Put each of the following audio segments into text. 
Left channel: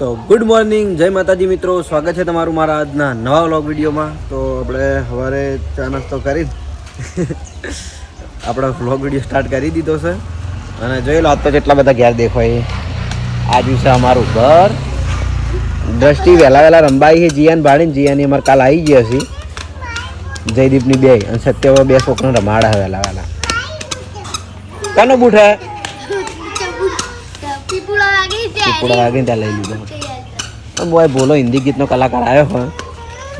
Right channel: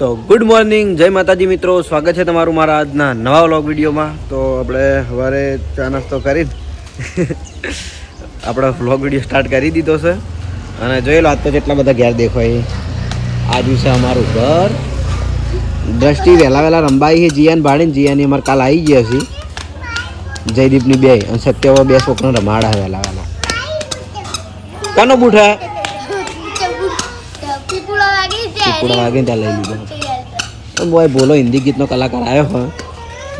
તો good morning, જય માતાજી મિત્રો, સ્વાગત છે તમારું મારા આજના નવા વ્લોગ વિડીયોમાં. તો આપણે સવારે ચા નાસ્તો કરી આપણો વ્લોગ વિડીયો સ્ટાર્ટ કરી દીધો છે અને જોઈ લો આજ તો જેટલા બધા ઘેર દેખાય. આ દિવસે અમારું ઘર દ્રષ્ટિ વહેલા રંબાઈ છે. જીયાન ભાડીને જીયાની અમારે કાલ આવી ગયા છે. જયદીપની બે અને સત્યવા બે છોકરા રમાડા વહેલા કાનો બુઠા પીપુડા વાગે ત્યાં લઈ લીધો. બોય બોલો હિન્દી ગીતનો કલાકાર આવ્યો હોય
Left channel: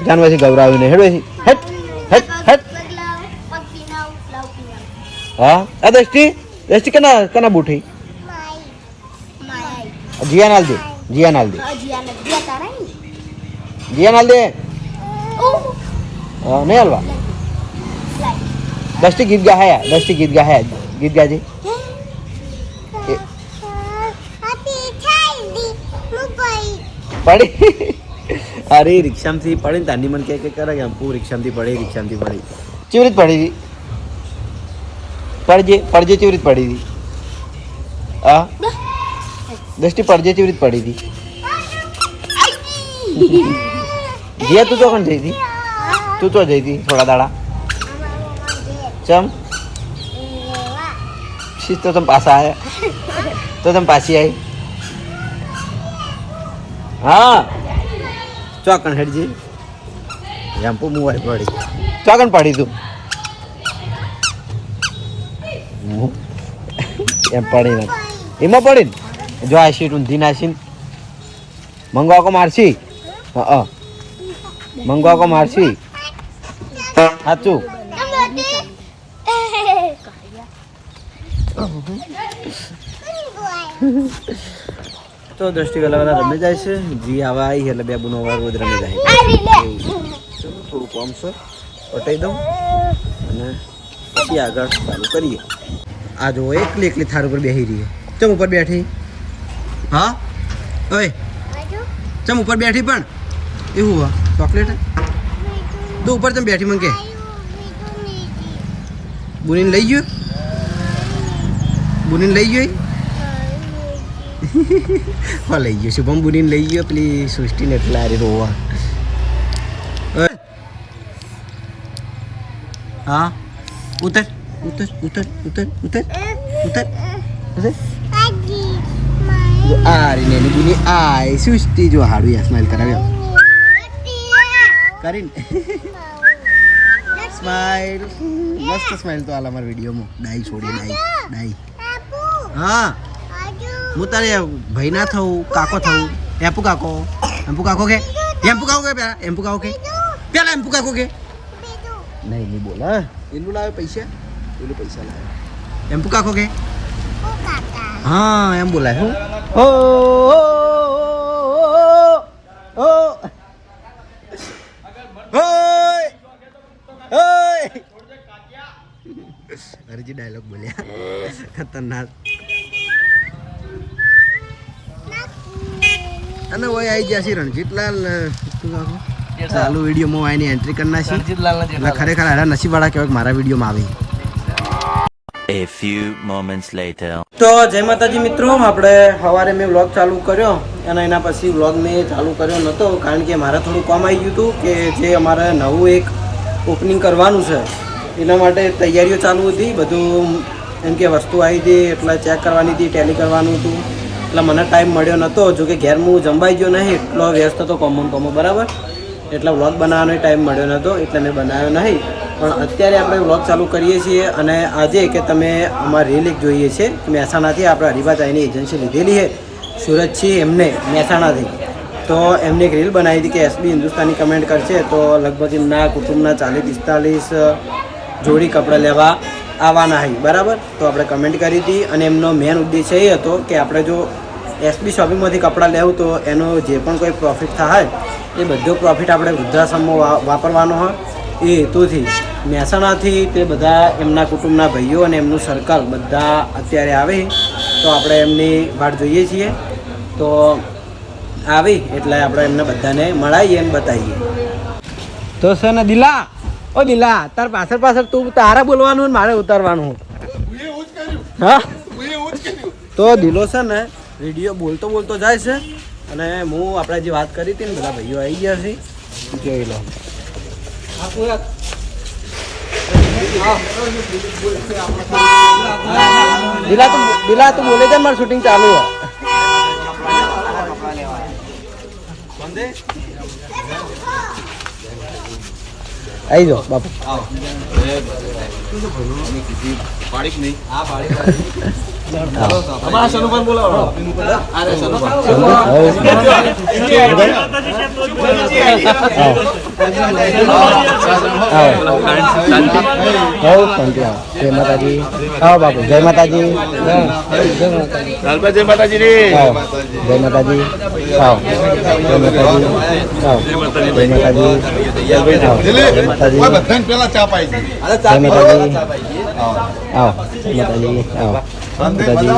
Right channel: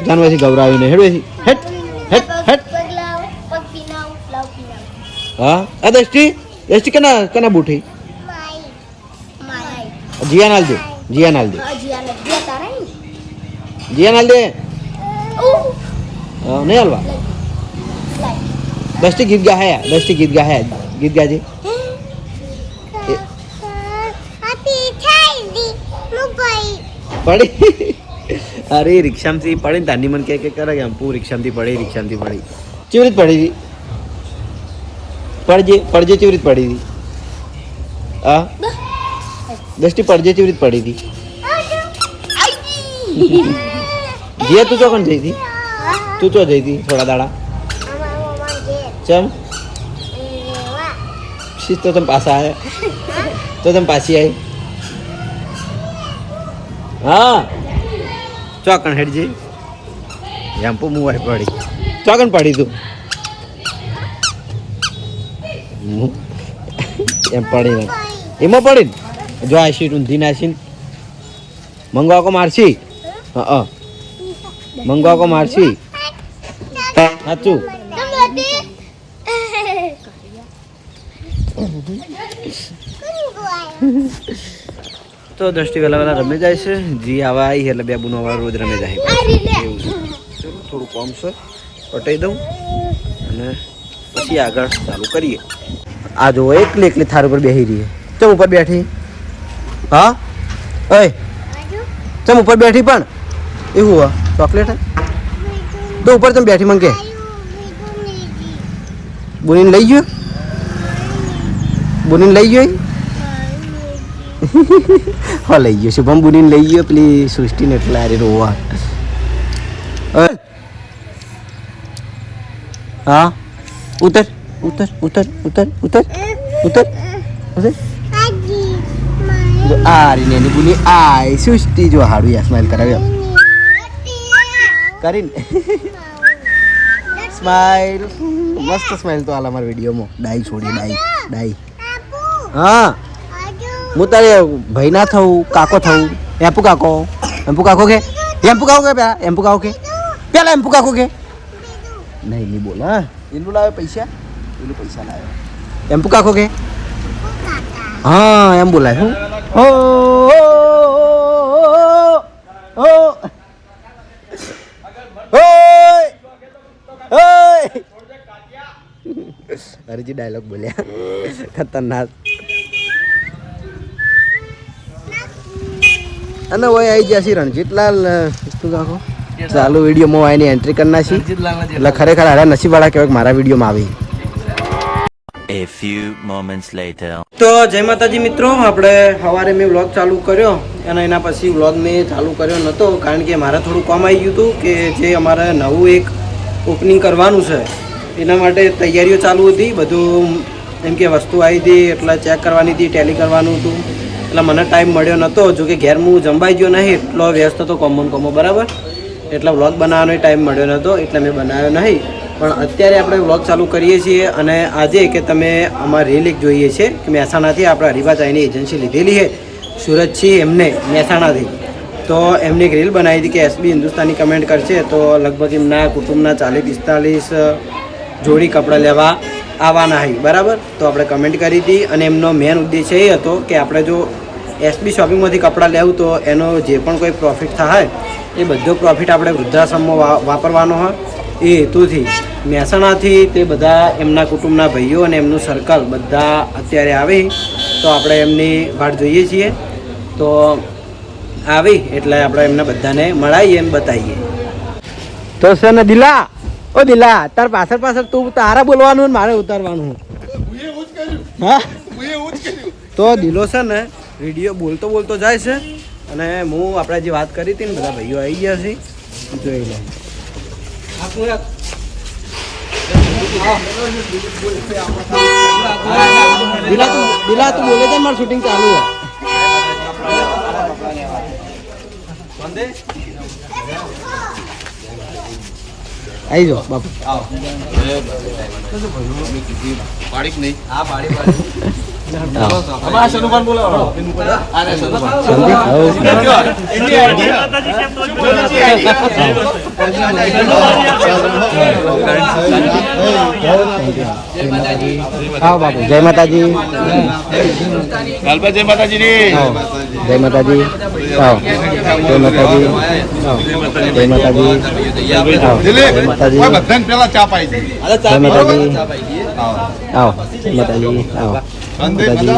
જાનવાથી ગૌરાવીને હેડવે હેટ હેટ હેટ. હા આ દ્રષ્ટિ કના બુઠી જીયા નાલ દે નહીં હાલવા. દ્રષ્ટિ ગીત ગાયા ગીત ગાજે. પડી અરે રિક્ષામાંથી પડી ને તાની મને કે કરે કે પૂ રિક્ષામાંથી પડી ચેવી રીત પડી હતી પડજે ચેવી રીત પડી હતી. હા દ્રષ્ટિ પડજે ચેવી રીત પડી હતી. જીયા તું ચોકન જઈ હતી થોડા દાડા ચમ શીત તો તમે પાછા આવ્યા તો તમે પાછી આવી. હા ચોકણ હેડજી એમ મુવાઈ પડી ચોકણ પડી તું એમ પડી ને એમાં પડી ને જો આ સીટ ઊંધી નાસી મંગવા કો મારસી. હા મંગવા કો મારસી સાચું. તો દ્રષ્ટિ વહેલા રમે જાય છે. જી આવા આવી એટલે બે બુનો રોજ રમે જાય એવું છે. થોડું કોમ છે પટાઈ દઉં અને પછી આગળ ચાલુ કરીએ. આ જો એકલી થાર ઉપર બેસી રહી. ચમ ઉપર બેઠી? હા ઓય ચમ ઉપર બેઠી પણ એવું હા ચોકલેટ તો ઉપર ચમ બેઠી મંગે બોલીને લઈ ગયો હા લઈ ગયો શુભમ બુનીને લઈ ગયો પેલી સૃષ્ટિને પેલા રોવા. હા ઉતર આ રે નેની બુની આય સૃષ્ટિ જો હાડવી આ સ્માઈલ કરાવ્યો કરીને સ્માઈલ મસ્ત સ્માઈલ તો આલા અમારા વિડીયોમાં ડાઈ છોડી ડાઈ. હા હું તારે ભાઈ ના થવું કાકો થવું. એમ્પુ કાકો કે પેલા એમ્પુ કાકો કે નહીં બોલ. હા એનું લાવે પૈસા લાવ્યો એમ્પુ કાકો કે હા એમ બોલાય. હું અરેજી ડાયલોગ બોલ્યા ખતરનાક. અને ઓય આવી ગયા છે રણજીતલાલ તું કાકો ચાલુ વિડીયોમાં હોય એની એન્ટ્રી કરી નાખી એટલે ખરેખર હારા નસીબવાળા કહેવાય મારા વિડીયોમાં આવી. A few moments later. તો જય માતાજી મિત્રો, આપણે સવારે મેં વ્લોગ ચાલુ કર્યો અને એના પછી વ્લોગ મેં ચાલુ કર્યો નહોતો કારણ કે મારે થોડું કામ આવી ગયું હતું કે જે અમારે નવું એક ઓપનિંગ કરવાનું છે એના માટે તૈયારીઓ ચાલુ હતી. બધું એમ કે વસ્તુ આવી હતી એટલે ચેક કરવાની હતી, ટેલી કરવાનું હતું એટલે મને ટાઈમ મળ્યો નહોતો. જોકે ઘેર હું જંબાઈ ગયો નહીં એટલો વ્યસ્ત હતો કોમો બરાબર એટલે વ્લોગ બનાવવાનો ટાઈમ મળ્યો નહોતો એટલે મેં બનાવ્યો નહીં. પણ અત્યારે આપણે વ્લોગ ચાલુ કરીએ છીએ અને આજે કે તમે અમારી રીલ એક જોઈએ છે કે મહેસાણાથી આપણે હરિભાચાઈની એજન્સી લીધેલી છે સુરતથી એમને મહેસાણાથી. તો એમને એક રીલ બનાવી હતી કે એસબી હિન્દુસ્તાની કમેન્ટ કરશે તો લગભગ એમના કુટુંબના 40-45 જોડી કપડાં લેવા આવવાના હોય બરાબર. તો આપણે કમેન્ટ કરી હતી અને એમનો મેન ઉદ્દેશ્ય એ હતો કે આપણે જો એસબી શોપિંગમાંથી કપડાં લેવું તો એનો જે પણ કોઈ પ્રોફિટ થાય એ બધો પ્રોફિટ આપણે વૃદ્ધાશ્રમમાં વાપરવાનો હોય એ હેતુથી મહેસાણાથી તે બધા એમના કુટુંબના ભાઈઓ અને એમનું સર્કલ બધા અત્યારે આવે તો આપણે એમની વાટ જોઈએ છીએ. તો આવી એટલે આપણે એમને બધાને મળાવીએ અને બતાવીએ. તો સર ને દિલા તાર પાછળ તું તારે બોલવાનું ને મારે ઉતારવાનું. હા તો દિલો છે ને વિડીયો બોલતો જાય છે અને હું આપણે જે વાત કરી હતી ને બધા ભાઈઓ આવી ગયા છે જોઈ લે. દિલા તું બોલે છે મારું શૂટિંગ ચાલુ હોય. આવી જાઓ બાપુ. હા બાપુ જય માતાજી. જય માતાજી. જય માતાજી. જય માતાજી. જય માતાજી. પેલા ચા પાઈ જય માતાજી. આવો માતાજી. આવો માતાજી.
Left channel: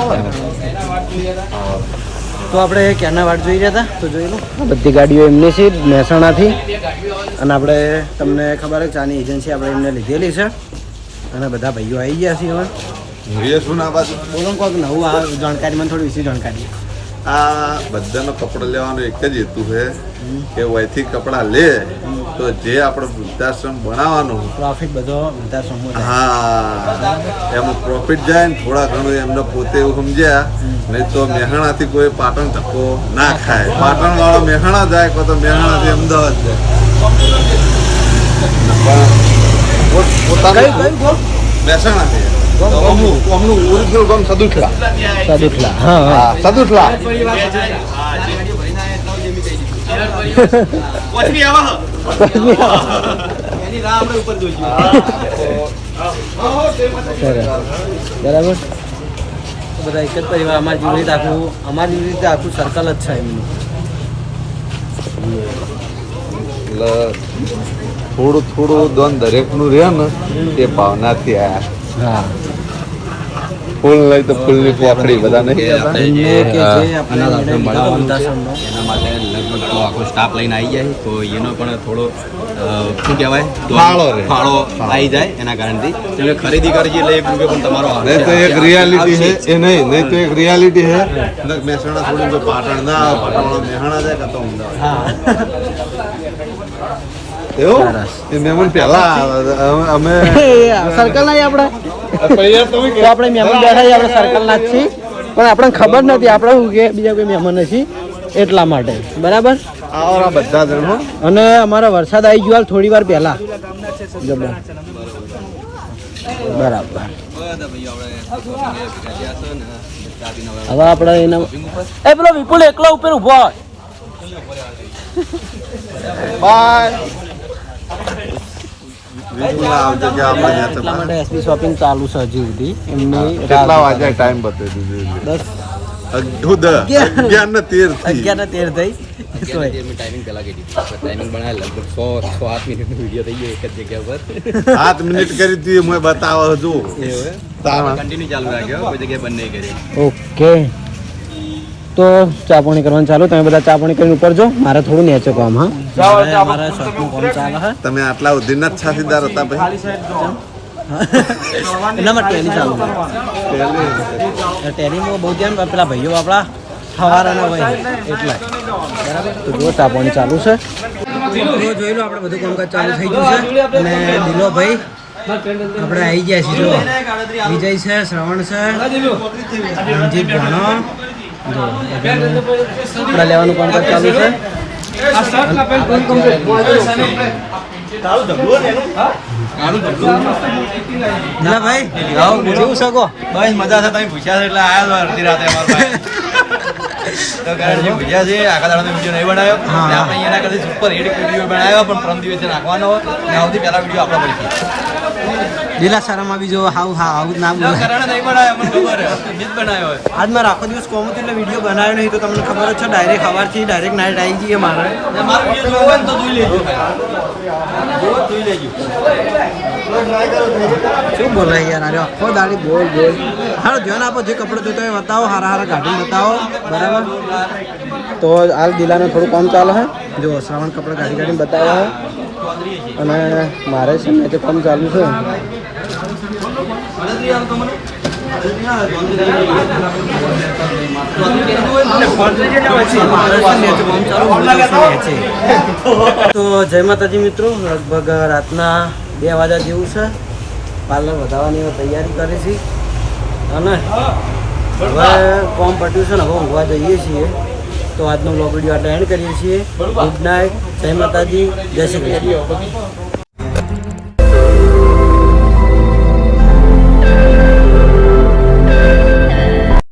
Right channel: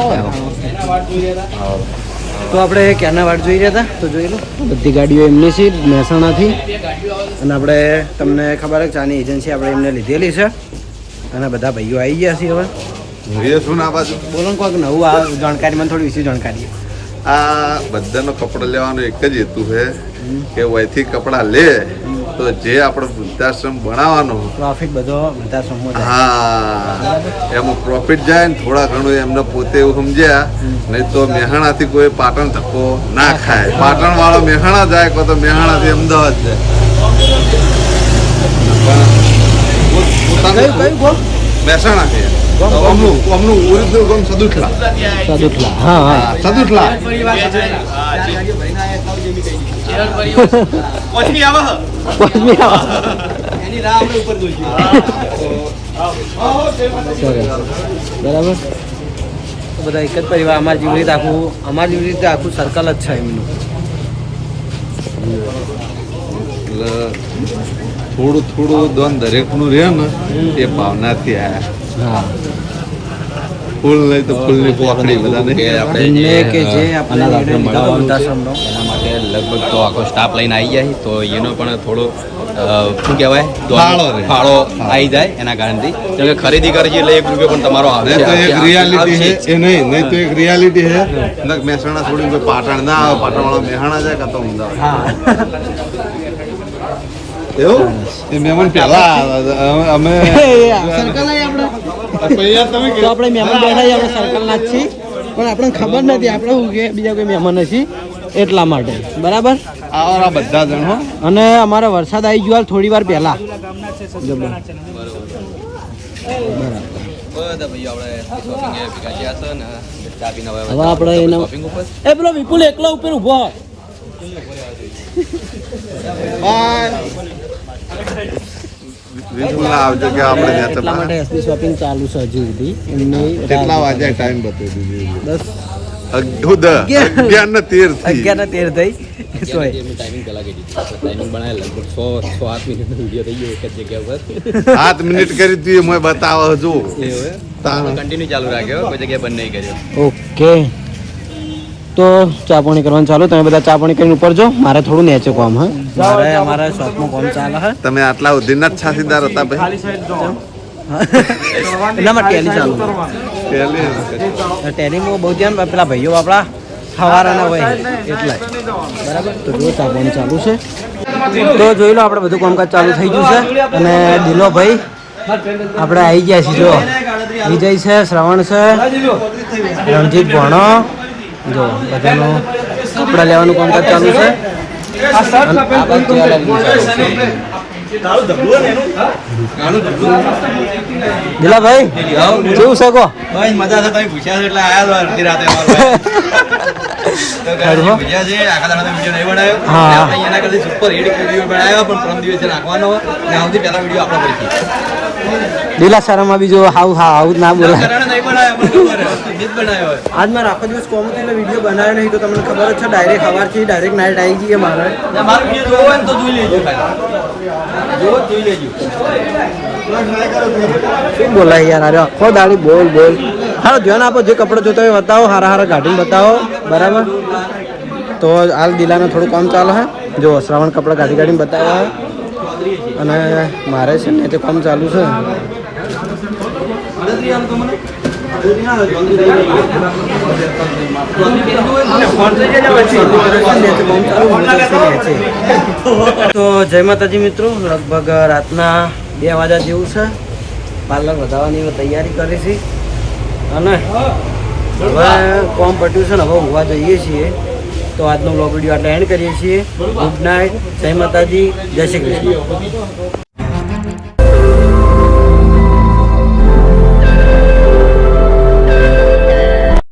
આવો. તો આપણે ક્યારના વાટ જોઈ રહ્યા હતા તો જોઈ લો બધી ગાડીઓ એમની છે મહેસાણાથી. અને આપણે તમને ખબર છે ચાની એજન્સી આપણે એમને લીધેલી છે અને બધા ભાઈઓ આવી ગયા છે હવે. શું ના બાજુ બોલો કોઈક નવું આ જાણકારી મને થોડી વિશે જાણકારી. આ બધાનો કપડા લેવાનો એક જ હેતુ છે કે વયથી કપડા લે તો જે આપણે વૃદ્ધાશ્રમ બનાવવાનો પ્રોફિટ બધો વૃદ્ધાશ્રમમાં જાય. હા એમાં પ્રોફિટ જાય ને થોડા ઘણું એમને પોતે એવું સમજ્યા નહીં તો મહેસાણાથી કોઈ પાટણ ધક્કો ના ખાય. પાટણ વાળો મહેસાણા જાય કોઈ તો મહેસાણાથી અમદાવાદ જાય. મહેસાણાથી અમનું ઓરિજિનલ ગામ સદુઠલા. સદુઠલા. હા હા સદુઠલા. સરસ બરાબર. બધા એક જ પરિવાર અમારી જેવી રીતે આખું સર્કલ જ છે એમનું. એટલે થોડું થોડું દોન દરેકનું રહે ને એ ભાવનાથી આયા. હા ફૂલ લઈ તો ફૂલની પોખડી બધા નહીં એમને કે જે આપણને નિર્ણય લીધો વૃદ્ધાશ્રમનો એના માટે લગભગ તો આખો સ્ટાફ લઈને આવી જાય તો એનો પણ થોડો શું કહેવાય ફાળો આવી જાય એના કારણથી કેમ કે ખરીદી કરજે એટલે 1 રૂપિયો પણ તમારો આવે. તો એક રિયાલિટી છે એ નહીં તો એક રિયાલિટી છે. મહેસાણા છોડીને કોઈ પાટણ ના આવે, પાટણ વાળા મહેસાણા જાય કાં તો અમદાવાદ. હા એવું એ મહેમાન પહેલા અમે સર્કલ ના આપણે પૈયા તમે તો આપણે મહેમાન બેઠા છીએ આપણે સર્કલ ના જ છીએ પણ આપણને ખબર નથી આપણે શું કે બીજા કોઈ મહેમાન નથી એટલા માટે બરાબર. આવો બધા જણ અને અમારો વરસાદ આવી ગયો થોડી વાર પહેલા બરાબર. હવે આપણે એના એ પેલો વિપુલ એકલો ઉપર ઉભો હોય. બાય. આવજો કે આપણે એટલા માટે એસબી શોપિંગ ચાલુ છે હજી સુધી એમની કેટલા વાગ્યા ટાઈમ બતાવી દીધું? 11 ને 13 થઈ. ટાઈમિંગ પેલા કીધી ટાઈમિંગ બનાવે લગભગ 100-8 મિનિટનો વિડીયો થઈ ગયો એક જ જગ્યા પર 7 મિનિટ કરી હતી મેં બતાવો જો કન્ટિન્યુ ચાલુ રાખ્યો કોઈ જગ્યાએ બંધ નહીં કર્યો. ઓકે તો ચા પાણી કરવાનું ચાલુ. તમે બધા ચા પાણી કરીને ઉપર જો મારે થોડું નેચે કામ. હા મારે અમારા શોપમાં કામ ચાલે છે. તમે આટલા ઉદ્ધીના જ છાસીદાર હતા ભાઈ? એનામાં ટેલી ચાલુ ટેલીમાં બહુ ધ્યાન પેલા ભાઈઓ આપણા સવારના હોય એટલા બરાબર. તો જો ચા પાણી ચાલુ છે તો જોઈ લો આપણે બધું કામકાજ ચાલુ થઈ ગયું છે. અને દિલો ભાઈ આપણે આવી ગયા છીએ. જો વિજય છે, શ્રવણ છે, રણજીત ભણો જો બધાનું કપડા લેવાનું કામકાજ ચાલુ છે. દિલાભાઈ કેવું છે કો? બસ મજા છે. તમે પૂછ્યા છે એટલે આયા તો અડધી રાતે ભૂખ્યા છે. આખા દાડા વિડીયો નહીં બનાવ્યો. આપણે એના કરતા સુપર હિટ વિડીયો બનાવ્યો પણ પ્રમ દિવસે નાખવાનો સૌથી પહેલા વિડીયો આપણો પડી. લીલા શરમમાં બી જો હાવ ના બોલાય. બનાવ્યો આજ મારો આખો દિવસ કોમ હતો એટલે વિડીયો બનાવ્યો નહીં તો તમને ખબર જ છે ડાયરેક્ટ સવારથી ડાયરેક્ટ નાઇટ આવી જઈએ મારે. મારો વિડીયો જોવો હોય તો જોઈ લેજો. જોઈ લેજો. શું બોલાય યાર અરે આખો દાડી બોલ હારો ધ્યાન આપો. જે કપડો જોતો હોય બતાવો, હારા ગાડીને બતાવો બરાબર. તો હાલ દિલાનું થોડું કામ ચાલે છે. જો શ્રાવણ કપડા ગાડીને બતાવો અને મારે સીધે કામ ચાલુ છે. તો જય માતાજી મિત્રો, લગભગ રાતના 2 વાગ્યા જેવું છે. પાર્લર વધારવાની તૈયારી કરી છે અને હવે કોમ પટ્યું છે ને હવે ઊંઘવા જઈએ છીએ. તો આજનો બ્લોગ વિડીયો આટલે એન્ડ કરીએ છીએ. ગુડ નાઇટ, જય માતાજી, જય શ્રી કૃષ્ણ.